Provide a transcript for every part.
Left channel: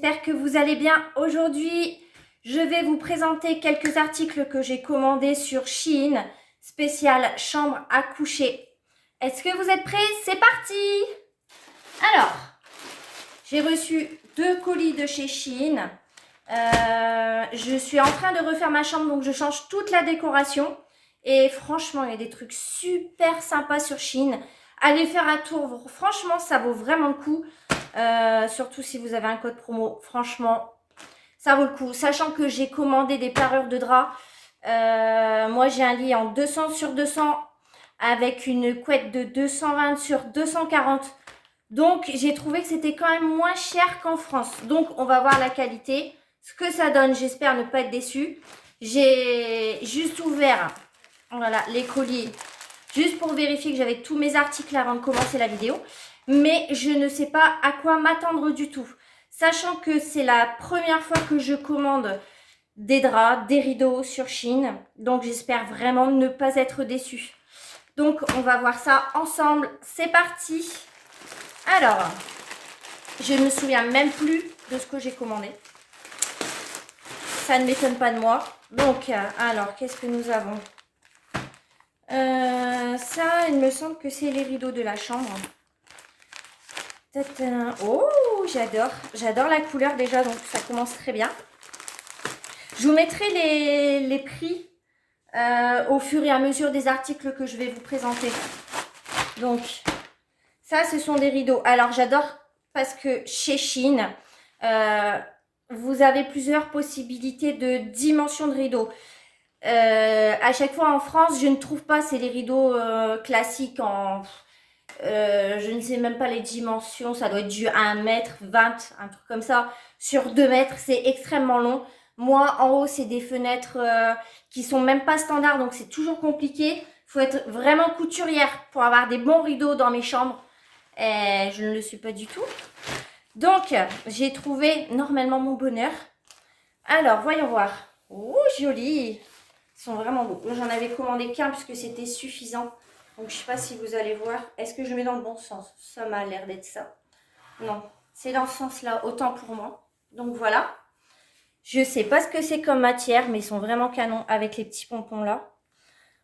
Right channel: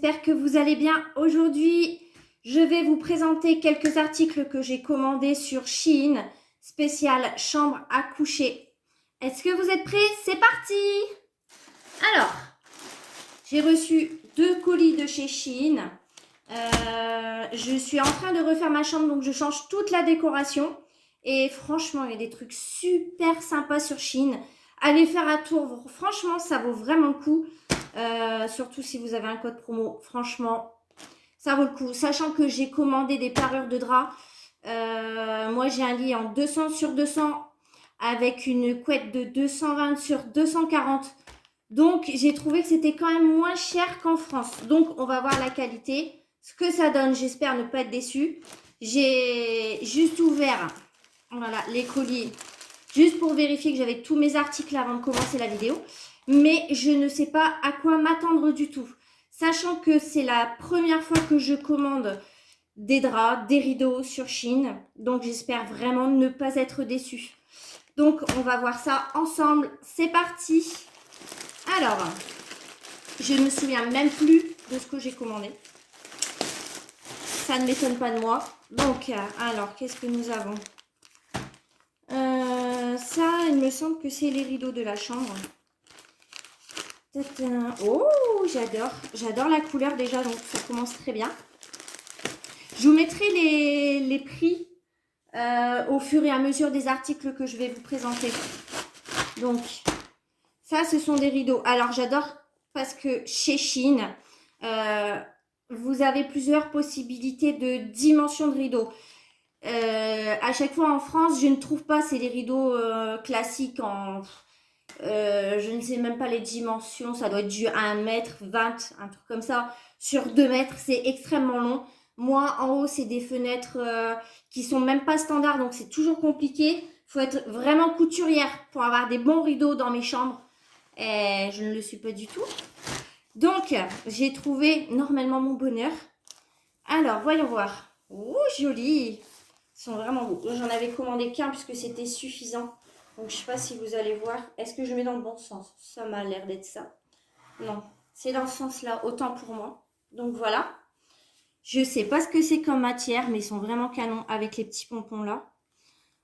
j'espère que vous allez bien. Aujourd'hui, je vais vous présenter quelques articles que j'ai commandés sur Shein, spécial chambre à coucher. Est-ce que vous êtes prêts? C'est parti! Alors, j'ai reçu 2 colis de chez Shein. Je suis en train de refaire ma chambre, donc je change toute la décoration. Et franchement, il y a des trucs super sympas sur Shein. Allez faire un tour, franchement, ça vaut vraiment le coup. Surtout si vous avez un code promo, franchement, ça vaut le coup. Sachant que j'ai commandé des parures de drap. Moi, j'ai un lit en 200 sur 200 avec une couette de 220 sur 240. Donc, j'ai trouvé que c'était quand même moins cher qu'en France. Donc, on va voir la qualité. Ce que ça donne, j'espère ne pas être déçue. J'ai juste ouvert voilà, les colis, juste pour vérifier que j'avais tous mes articles avant de commencer la vidéo. Mais je ne sais pas à quoi m'attendre du tout. Sachant que c'est la première fois que je commande des draps, des rideaux sur Shein. Donc, j'espère vraiment ne pas être déçue. Donc, on va voir ça ensemble. C'est parti! Alors, je ne me souviens même plus de ce que j'ai commandé. Ça ne m'étonne pas de moi. Donc, alors, qu'est-ce que nous avons? Ça, il me semble que c'est les rideaux de la chambre. Oh, j'adore. J'adore la couleur déjà, donc ça commence très bien. Je vous mettrai les prix au fur et à mesure des articles que je vais vous présenter. Donc, ça, ce sont des rideaux. Alors, j'adore parce que chez Shein, vous avez plusieurs possibilités de dimensions de rideaux. À chaque fois en France, je ne trouve pas, c'est les rideaux classiques en... je ne sais même pas les dimensions, ça doit être du 1m20, un truc comme ça. Sur 2 mètres, c'est extrêmement long. Moi, en haut, c'est des fenêtres qui sont même pas standards, donc c'est toujours compliqué. Il faut être vraiment couturière pour avoir des bons rideaux dans mes chambres. Et je ne le suis pas du tout. Donc, j'ai trouvé normalement mon bonheur. Alors, voyons voir. Oh, joli! Ils sont vraiment beaux. J'en avais commandé qu'un puisque c'était suffisant. Donc, je ne sais pas si vous allez voir. Est-ce que je mets dans le bon sens? Ça m'a l'air d'être ça. Non, c'est dans ce sens-là, autant pour moi. Donc, voilà. Je ne sais pas ce que c'est comme matière, mais ils sont vraiment canons avec les petits pompons là.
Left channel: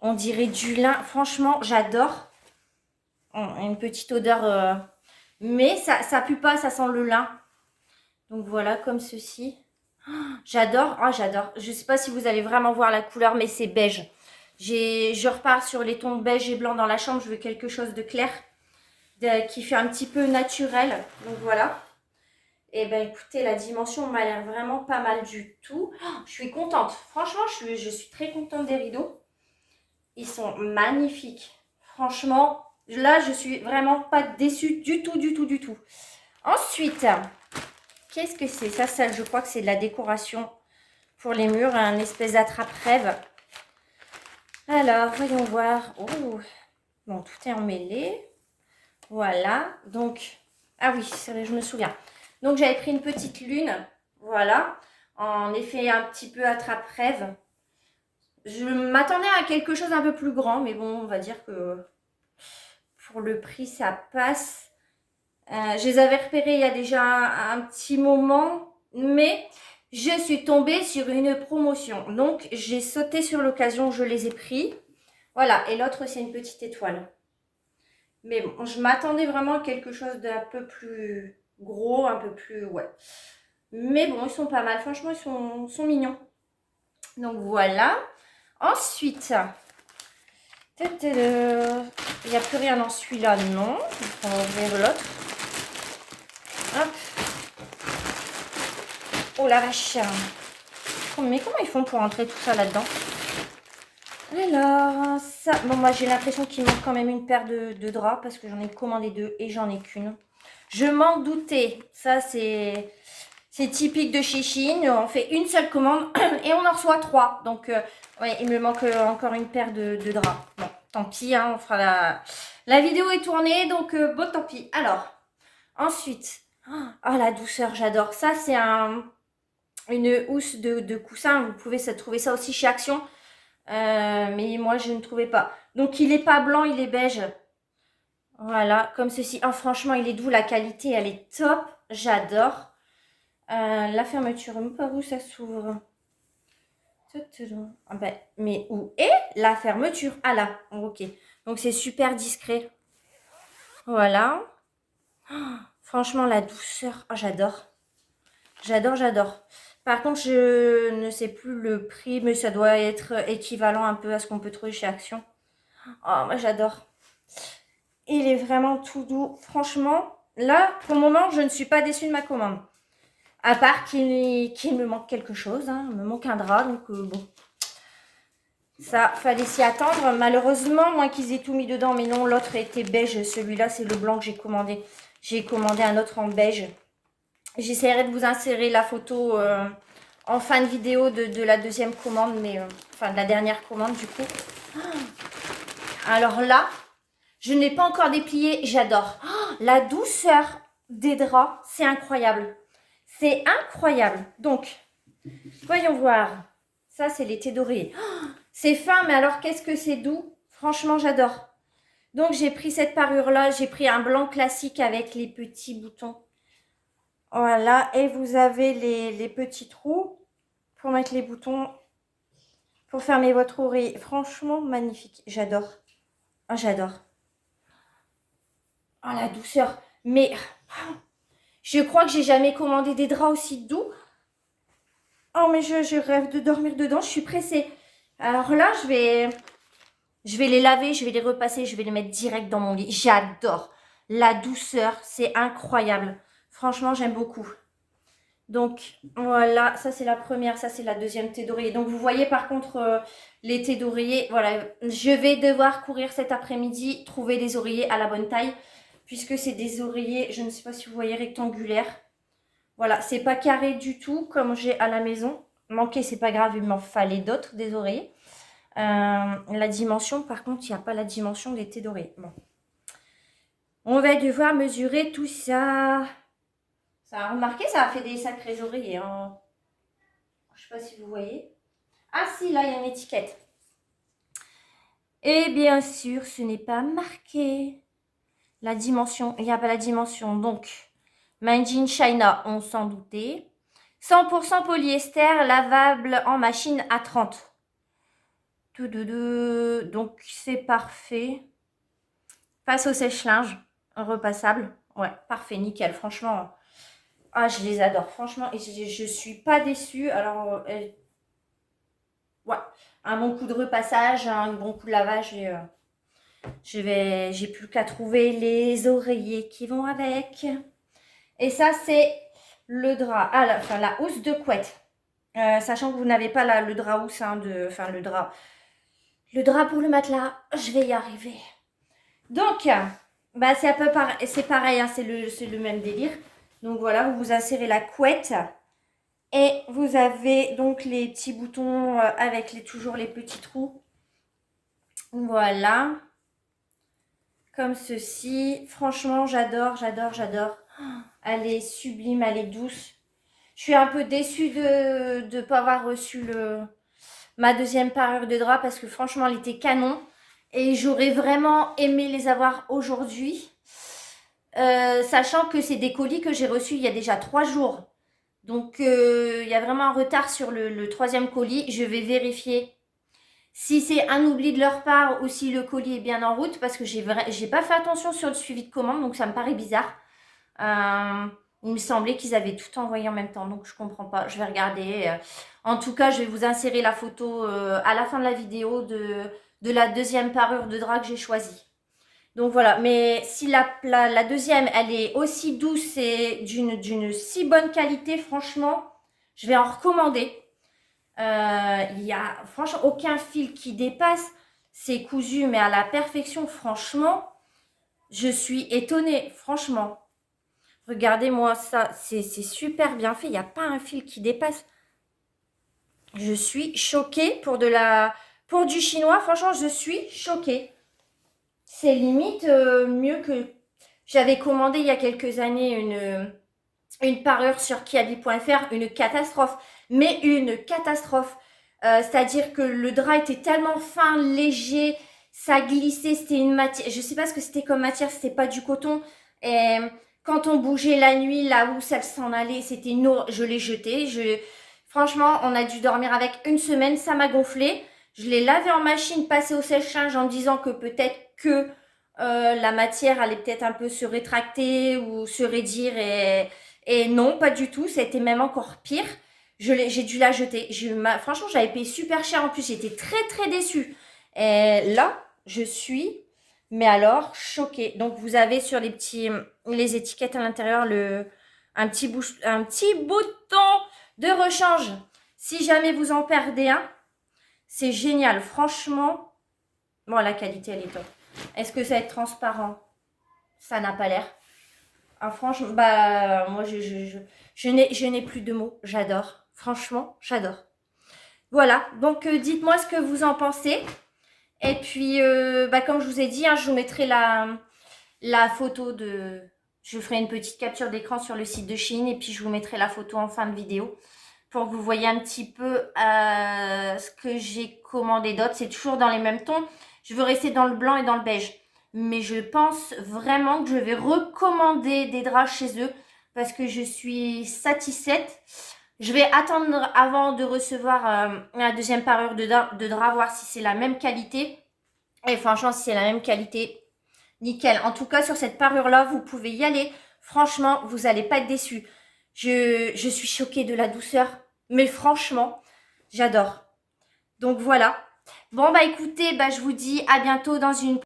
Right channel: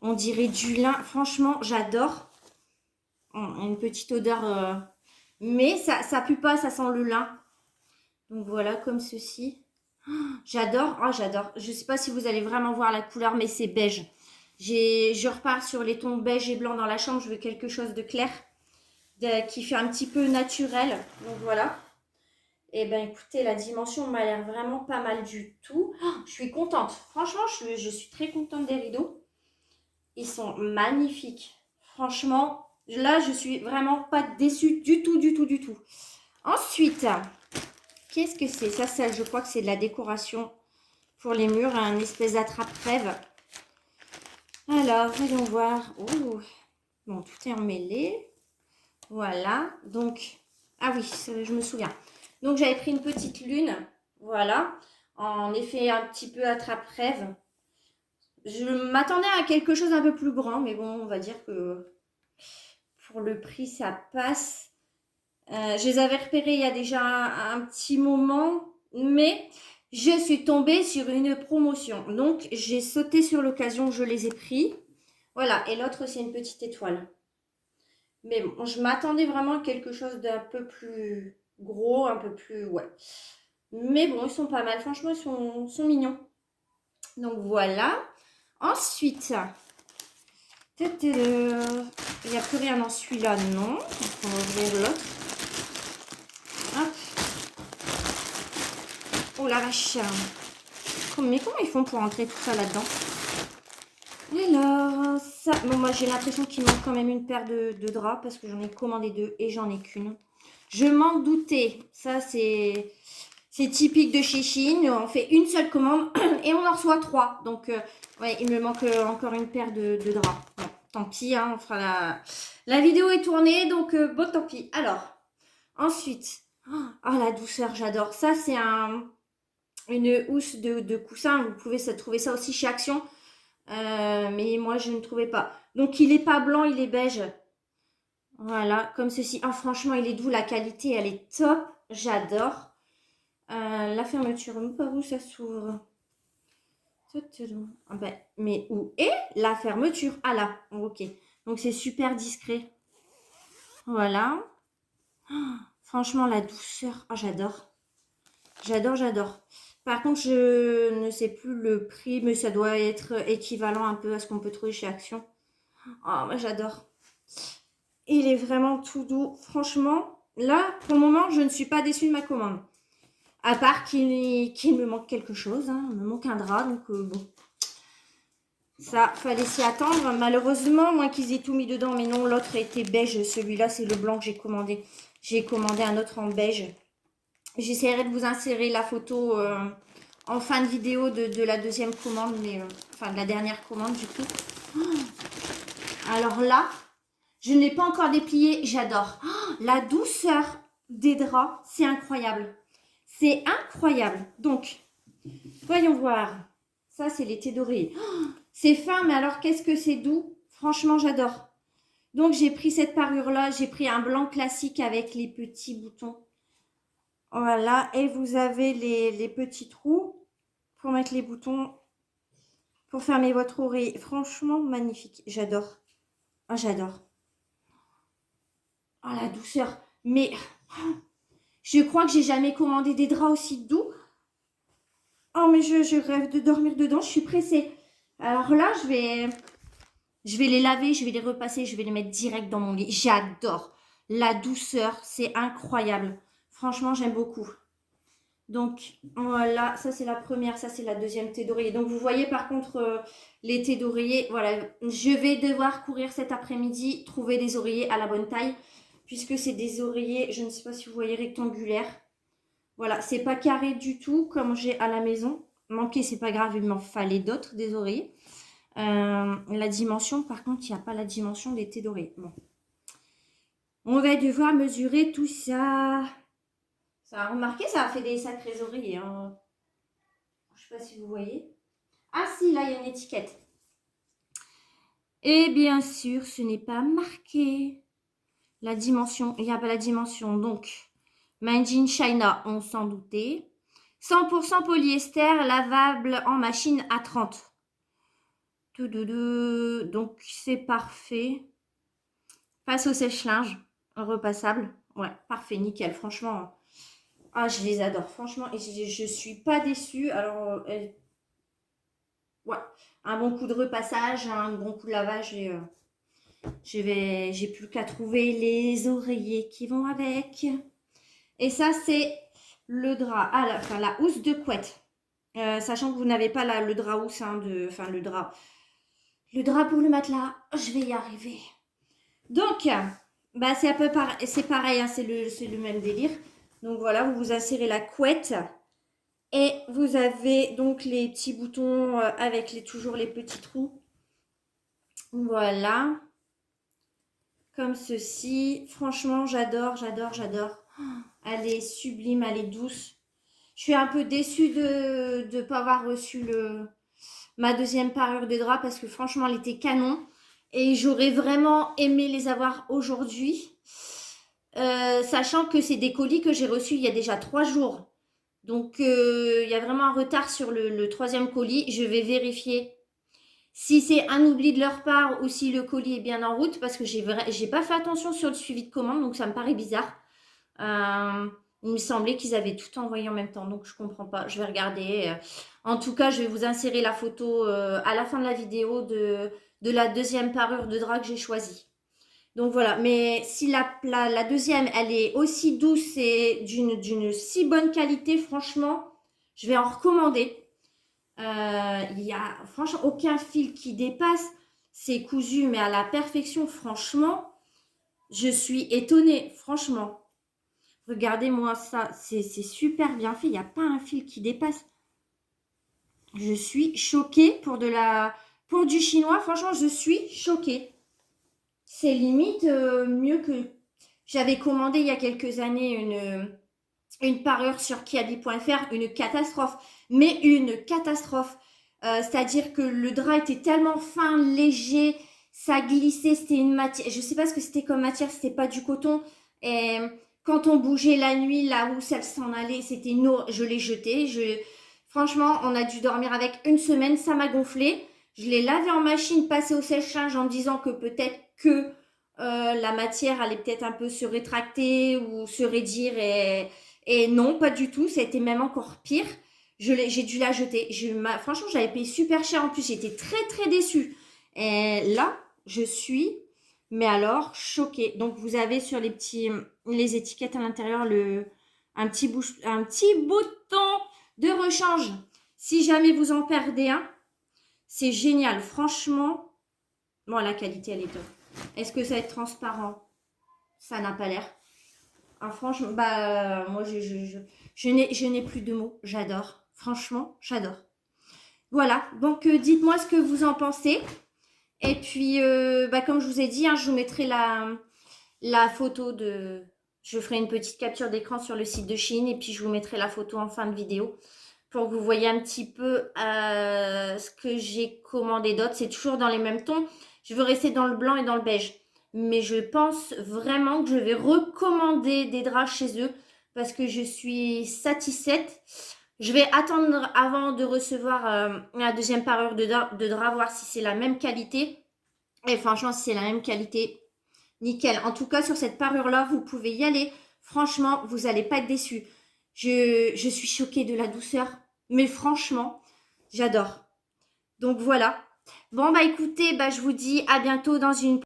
On dirait du lin. Franchement, j'adore. Une petite odeur, mais ça pue pas, ça sent le lin. Donc voilà, comme ceci. Oh, j'adore, oh, j'adore. Je sais pas si vous allez vraiment voir la couleur, mais c'est beige. Je repars sur les tons beige et blanc dans la chambre. Je veux quelque chose de clair, qui fait un petit peu naturel. Donc voilà. Et ben écoutez, la dimension m'a l'air vraiment pas mal du tout. Oh, je suis contente. Franchement, je suis très contente des rideaux. Ils sont magnifiques. Franchement, là, je suis vraiment pas déçue du tout, du tout, du tout. Ensuite, qu'est-ce que c'est? Ça, je crois que c'est de la décoration pour les murs, un espèce d'attrape-rêve. Alors, voyons voir. Oh, bon, tout est emmêlé. Voilà. Donc, ah oui, je me souviens. Donc, j'avais pris une petite lune. Voilà. En effet, un petit peu attrape-rêve. Je m'attendais à quelque chose un peu plus grand, mais bon, on va dire que pour le prix, ça passe. Je les avais repérés il y a déjà un petit moment, mais je suis tombée sur une promotion. Donc, j'ai sauté sur l'occasion, je les ai pris. Voilà, et l'autre, c'est une petite étoile. Mais bon, je m'attendais vraiment à quelque chose d'un peu plus gros, un peu plus... Ouais. Mais bon, ils sont pas mal. Franchement, ils sont mignons. Donc, voilà. Ensuite, il n'y a plus rien dans celui-là, non. On va ouvrir l'autre. Hop. Oh la vache. Mais comment ils font pour entrer tout ça là-dedans? Alors, ça... Bon, moi, j'ai l'impression qu'il manque quand même une paire de draps parce que j'en ai commandé 2 et j'en ai qu'une. Je m'en doutais. Ça, c'est typique de chez Shein. On fait une seule commande et on en reçoit 3. Donc, ouais, il me manque encore une paire de draps. Bon, tant pis, hein, on fera la vidéo est tournée, donc bon, tant pis. Alors, ensuite, oh, la douceur, j'adore. Ça, c'est une housse de coussin. Vous pouvez trouver ça aussi chez Action. Mais moi, je ne trouvais pas. Donc, il n'est pas blanc, il est beige. Voilà, comme ceci. Oh, franchement, il est doux. La qualité, elle est top. J'adore. La fermeture, par où ça s'ouvre? Ah ben, mais où est la fermeture? Ah là, ok. Donc c'est super discret. Voilà. Oh, franchement, la douceur, oh, j'adore. J'adore, j'adore. Par contre, je ne sais plus le prix, mais ça doit être équivalent un peu à ce qu'on peut trouver chez Action. Oh, moi j'adore. Il est vraiment tout doux. Franchement, là, pour le moment, je ne suis pas déçue de ma commande. À part qu'il me manque quelque chose. Hein. Il me manque un drap, donc bon. Ça, fallait s'y attendre. Malheureusement, moins qu'ils aient tout mis dedans. Mais non, l'autre était beige. Celui-là, c'est le blanc que j'ai commandé. J'ai commandé un autre en beige. J'essaierai de vous insérer la photo en fin de vidéo de la deuxième commande. Mais enfin, de la dernière commande, du coup. Alors là, je n'ai pas encore déplié. J'adore. Oh, la douceur des draps, c'est incroyable. C'est incroyable. Donc, voyons voir. Ça, c'est l'été doré. Oh, c'est fin, mais alors qu'est-ce que c'est doux. Franchement, j'adore. Donc, j'ai pris cette parure-là. J'ai pris un blanc classique avec les petits boutons. Voilà. Et vous avez les petits trous pour mettre les boutons, pour fermer votre oreille. Franchement, magnifique. J'adore. Oh, j'adore. Oh, la douceur. Mais je crois que j'ai jamais commandé des draps aussi doux. Oh, mais je rêve de dormir dedans. Je suis pressée. Alors là, je vais les laver, je vais les repasser, je vais les mettre direct dans mon lit. J'adore. La douceur, c'est incroyable. Franchement, j'aime beaucoup. Donc, voilà, ça c'est la première, ça c'est la deuxième thé d'oreiller. Donc, vous voyez par contre les thés d'oreiller. Voilà, je vais devoir courir cet après-midi, trouver des oreillers à la bonne taille. Puisque c'est des oreillers, je ne sais pas si vous voyez, rectangulaires. Voilà, c'est pas carré du tout comme j'ai à la maison. Manquer, c'est pas grave, il m'en fallait d'autres, des oreillers. La dimension, par contre, il n'y a pas la dimension des thés d'oreiller. Bon. On va devoir mesurer tout ça. Ça a remarqué, ça a fait des sacrés oreillers. Hein. Je ne sais pas si vous voyez. Ah si, là, il y a une étiquette. Et bien sûr, ce n'est pas marqué. La dimension, il n'y a pas la dimension. Donc, Made in China, on s'en doutait. 100% polyester, lavable en machine à 30. Donc, c'est parfait. Passe au sèche-linge, repassable. Ouais, parfait, nickel. Franchement, ah, je les adore. Franchement, et je suis pas déçue. Alors, ouais, un bon coup de repassage, un bon coup de lavage et j'ai plus qu'à trouver les oreillers qui vont avec. Et ça, c'est le drap. Ah, enfin, la housse de couette. Sachant que vous n'avez pas le drap housse, hein, enfin le drap pour le matelas. Je vais y arriver. Donc, bah, c'est un peu c'est pareil, hein, c'est le même délire. Donc voilà, vous vous insérez la couette et vous avez donc les petits boutons avec toujours les petits trous. Voilà, comme ceci. Franchement, j'adore, j'adore, j'adore. Elle est sublime, elle est douce. Je suis un peu déçue de ne pas avoir reçu ma deuxième parure de drap parce que franchement, elle était canon. Et j'aurais vraiment aimé les avoir aujourd'hui. Sachant que c'est des colis que j'ai reçus il y a déjà 3 jours. Donc, il y a vraiment un retard sur le troisième colis. Je vais vérifier si c'est un oubli de leur part ou si le colis est bien en route. Parce que j'ai pas fait attention sur le suivi de commande. Donc, ça me paraît bizarre. Il me semblait qu'ils avaient tout envoyé en même temps. Donc, je comprends pas. Je vais regarder. En tout cas, je vais vous insérer la photo à la fin de la vidéo de la deuxième parure de drap que j'ai choisie. Donc voilà, mais si la deuxième, elle est aussi douce et d'une si bonne qualité, franchement, je vais en recommander. Il n'y a franchement aucun fil qui dépasse. C'est cousu, mais à la perfection, franchement, je suis étonnée, franchement. Regardez-moi ça, c'est super bien fait, il n'y a pas un fil qui dépasse. Je suis choquée pour du chinois, franchement, je suis choquée. C'est limite mieux que... J'avais commandé il y a quelques années une parure sur kiabi.fr, une catastrophe. Mais une catastrophe. C'est-à-dire que le drap était tellement fin, léger, ça glissait, c'était une matière... Je ne sais pas ce que c'était comme matière, c'était pas du coton. Et Quand on bougeait la nuit, la housse, elle s'en allait. C'était une... Je l'ai jeté. Franchement, on a dû dormir avec une semaine. Ça m'a gonflé. Je l'ai lavé en machine, passé au sèche-linge en disant que peut-être que la matière allait peut-être un peu se rétracter ou se raidir. Et non, pas du tout. C'était même encore pire. J'ai dû la jeter. Franchement, j'avais payé super cher en plus. J'étais très, très déçue. Et là, je suis... Mais alors, choquée. Donc, vous avez sur les étiquettes à l'intérieur un petit bouton de rechange. Si jamais vous en perdez un, c'est génial. Franchement, bon, la qualité, elle est top. Est-ce que ça va être transparent? Ça n'a pas l'air. Ah, franchement, bah, moi, je n'ai plus de mots. J'adore. Franchement, j'adore. Voilà. Donc, dites-moi ce que vous en pensez. Et puis, bah, comme je vous ai dit, hein, je vous mettrai la photo de... Je ferai une petite capture d'écran sur le site de Shein et puis je vous mettrai la photo en fin de vidéo pour que vous voyez un petit peu ce que j'ai commandé d'autre. C'est toujours dans les mêmes tons. Je veux rester dans le blanc et dans le beige. Mais je pense vraiment que je vais recommander des draps chez eux parce que je suis satisfaite. Je vais attendre avant de recevoir la deuxième parure de drap, voir si c'est la même qualité. Et franchement, si c'est la même qualité, nickel. En tout cas, sur cette parure-là, vous pouvez y aller. Franchement, vous n'allez pas être déçus. Je suis choquée de la douceur. Mais franchement, j'adore. Donc voilà. Bon, bah écoutez, bah, je vous dis à bientôt dans une